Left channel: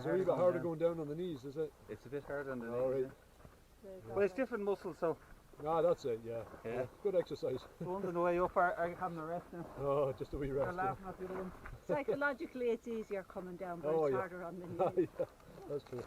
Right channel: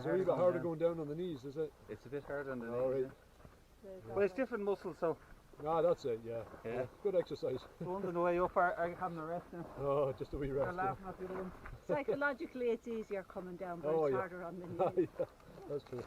It's a wee bit harder going down on the knees, is it? It's a bit harder on the All knees. right. Yeah. But it's different muscles, so. Ah, that's it, yeah. Good exercise. The ones on the way up are having a rest now. Oh, just a wee rest. They're laughing at the other ones. Psychologically it's easier coming down, but it's harder on the knees. Yeah, that's true.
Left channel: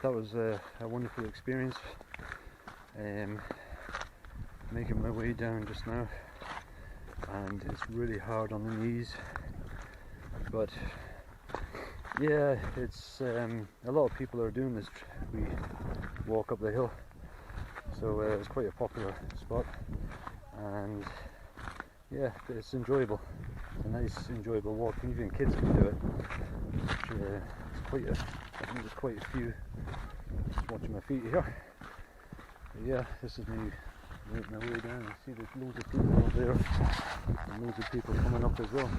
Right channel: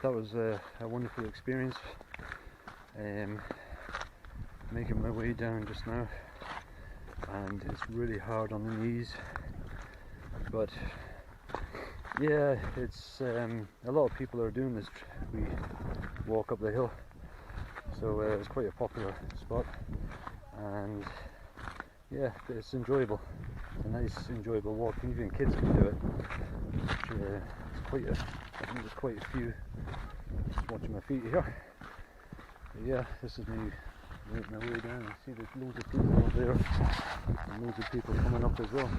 That was a wonderful experience. Making my way down just now, and it's really hard on the knees, but yeah, it's a lot of people are doing this. We walk up the hill, so it's quite a popular spot, and yeah, it's enjoyable. It's a nice, enjoyable walk. Even kids can do it. It's quite I think there's quite a few. Just watching my feet here. But yeah, this is me making my way down. You see there's loads of people up there, and loads of people coming up as well.